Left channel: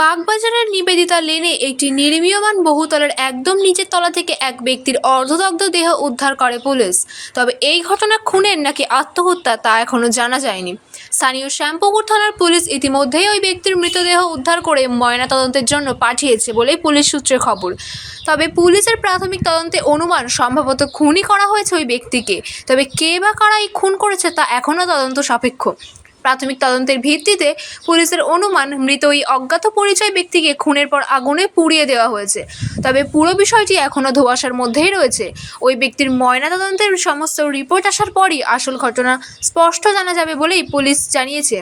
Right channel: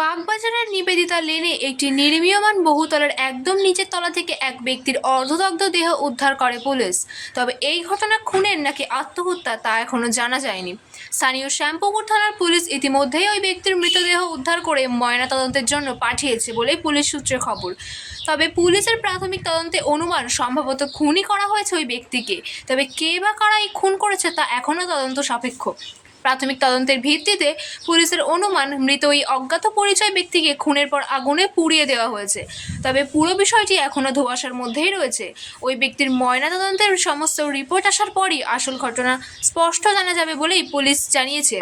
বাগবাজারের নিবেদিতা লেনে একটি নির্মীয়মান বহুতলের একদম নিচের তলা থেকে এক ব্যক্তির অর্ধদগ্ধ দেহ উদ্ধার করে পুলিশ। তবে এই ঘটনা খুনের নাকি আত্মহত্যা তা এখনও জানা যায়নি। স্থানীয় শ্যামপুকুর থানার পুলিশ ইতিমধ্যেই ওই ব্যক্তির মৃতদেহ উদ্ধার করে ময়নাতদন্তের জন্য পাঠিয়েছে বলেই পুলিশ সূত্রে খবর। তবে পুলিশের প্রাথমিক তদন্তে অনুমান সম্ভবত খুনই করা হয়েছে ওই ব্যক্তিকে। তবে কে বা কারা এই খুন করেছে তা এখনও তদন্ত সাপেক্ষ। প্রাথমিক তদন্তের ভিত্তিতে পুলিশের অনুমান, মৃত ওই অজ্ঞাত পরিচয় ব্যক্তিকে খুনের পর আগুনে পুড়িয়ে দেওয়া হয়েছে। তবে পুরো বিষয়টি এখনও ধোয়াশার মধ্যেই রয়েছে। ওই ব্যক্তির ময়নাতদন্তের সমস্ত রিপোর্ট আসার পরই আসল ঘটনা স্পষ্ট জানা যাবে বলেই পুলিশ জানিয়েছে।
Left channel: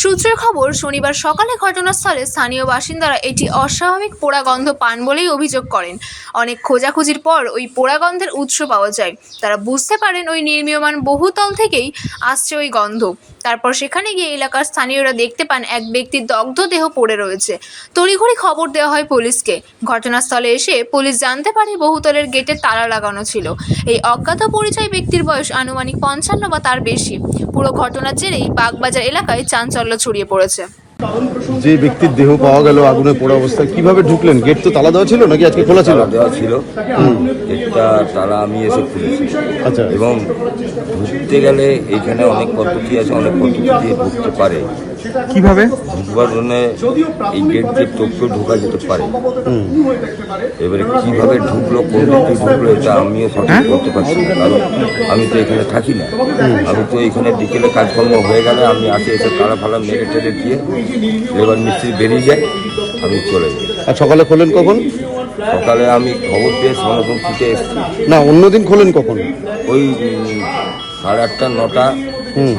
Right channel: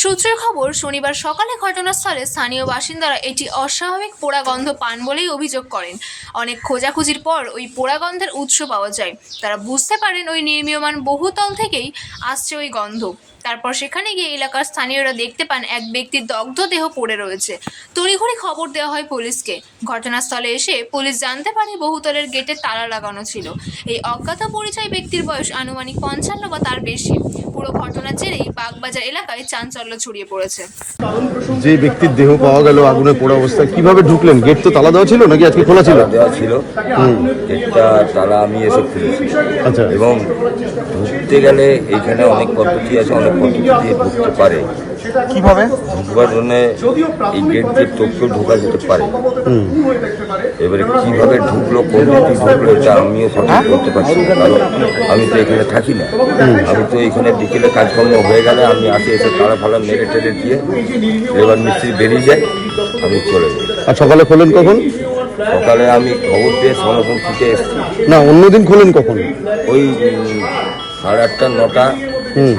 সূত্রের খবর, শনিবার সকালে ঘটনাস্থলে স্থানীয় বাসিন্দারা এটি অস্বাভাবিক পোড়া গন্ধ পান বলেই অভিযোগ করেন। অনেক খোঁজাখুঁজির পর ওই পোড়া গন্ধের উৎস পাওয়া যায়। তারা বুঝতে পারেন ওই নির্মীয়মান বহুতল থেকেই আসছে ওই গন্ধ। তারপর সেখানে গিয়ে এলাকার স্থানীয়রা দেখতে পান এক ব্যক্তির দগ্ধ দেহ পড়ে রয়েছে। তড়িঘড়ি খবর দেওয়া হয় পুলিশকে। ঘটনাস্থলে এসে পুলিশ জানতে পারে বহুতলের গেটে তালা লাগানো ছিল। এই অজ্ঞাত পরিচয় ব্যক্তির বয়স আনুমানিক পঞ্চান্ন বা তার বেশি। পুরো ঘটনার জেরেই বাগবাজার এলাকায় চাঞ্চল্য ছড়িয়ে পড়েছে। যে ব্যক্তির দেহ পাওয়া গেল আগুনে পোড়া অবস্থায় কীভাবে ঢুকলেন? গেট তো তালা দেওয়া ছিল নাকি আজকে খোলা ছিল? দেওয়া ছিল। গেটটা তালা আমি এসে খুলেছি। আচ্ছা। এবং ঢুকতে গেলে এইখানে অনেক পদ্ধতি আছে অনেক পদ্ধতি দিয়ে ঢুকতে পারে। কীভাবে? ঢুকবার জন্য এই গেট দিয়ে টোপকেও ঢোকা যেতে পারে। এবারে কীভাবে ঢুকলো কোন দিক ঢুকলো এটা আমিও সঠিক করতে পারছি না কারণ আমি তো এখানে থাকি না। আমি তো এখানে বিকেলে কাজকর্ম হয়ে গেলে আমি আসে এসে তালা ফালা মেরে টেরে দিয়ে এবার মিস্ত্রি বেরিয়ে যায় আমি চলে যাই। আর সকালে খোলেন কখন? সকালে আমি খবর পেয়ে সঙ্গে ছুটে এসেছি। না অন্যদিন খোলেন কখন? ওই সাড়ে আটটা নটা। হুম।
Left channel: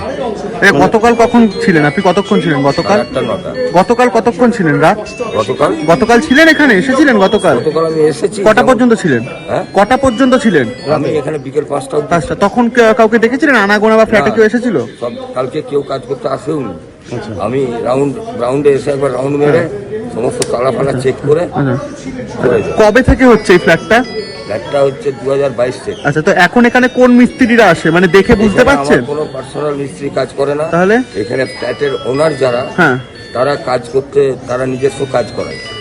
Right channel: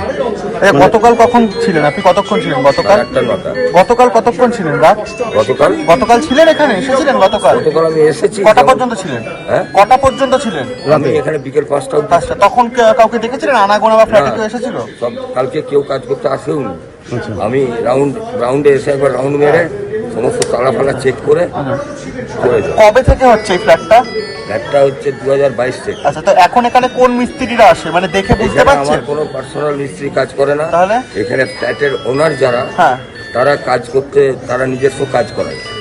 গতকাল কখন ছিলেন? আপনি কতক্ষণ ছিলেন? গতকাল? সাড়ে আটটা নটা। গতকাল কতক্ষণ ছিলেন? রাত? গতকাল? গতকাল ছিলেন এখানে? এসেছিলেন গতকাল? গতকাল আমি এসেছি। কটা পর্যন্ত ছিলেন? হ্যাঁ? কটা পর্যন্ত ছিলেন? আমি এখানে বিকেল পাঁচটা অবধি। তখন কে- কাউকে দেখেছিলেন? আনাগোনা বা ফ্ল্যাটে। কেউ এসেছিল? সব কালকে কেউ কাজ করতে আসেও নি আমি রাউন্ড রাউন্ডে এসে একবার রাউন্ড মেরে সমস্ত তালা ফালা চেক করে করে যাই কবে থেকে হচ্ছে এই ফ্ল্যাটটা ফ্ল্যাটটা হচ্ছে দু হাজার বাইশ থেকে আচ্ছা তো এখন এখানে কোন মিস্ত্রিরা আসে? মানে দেখে বুঝতে পারছেন? কোনো পার্সোনাল মিস্ত্রি কাজ করে না। তাহলে? এখানে ফ্ল্যাটের ওনার যারা হ্যাঁ। তারা কাজ করতে তারা নিজস্ব কাজ করায়।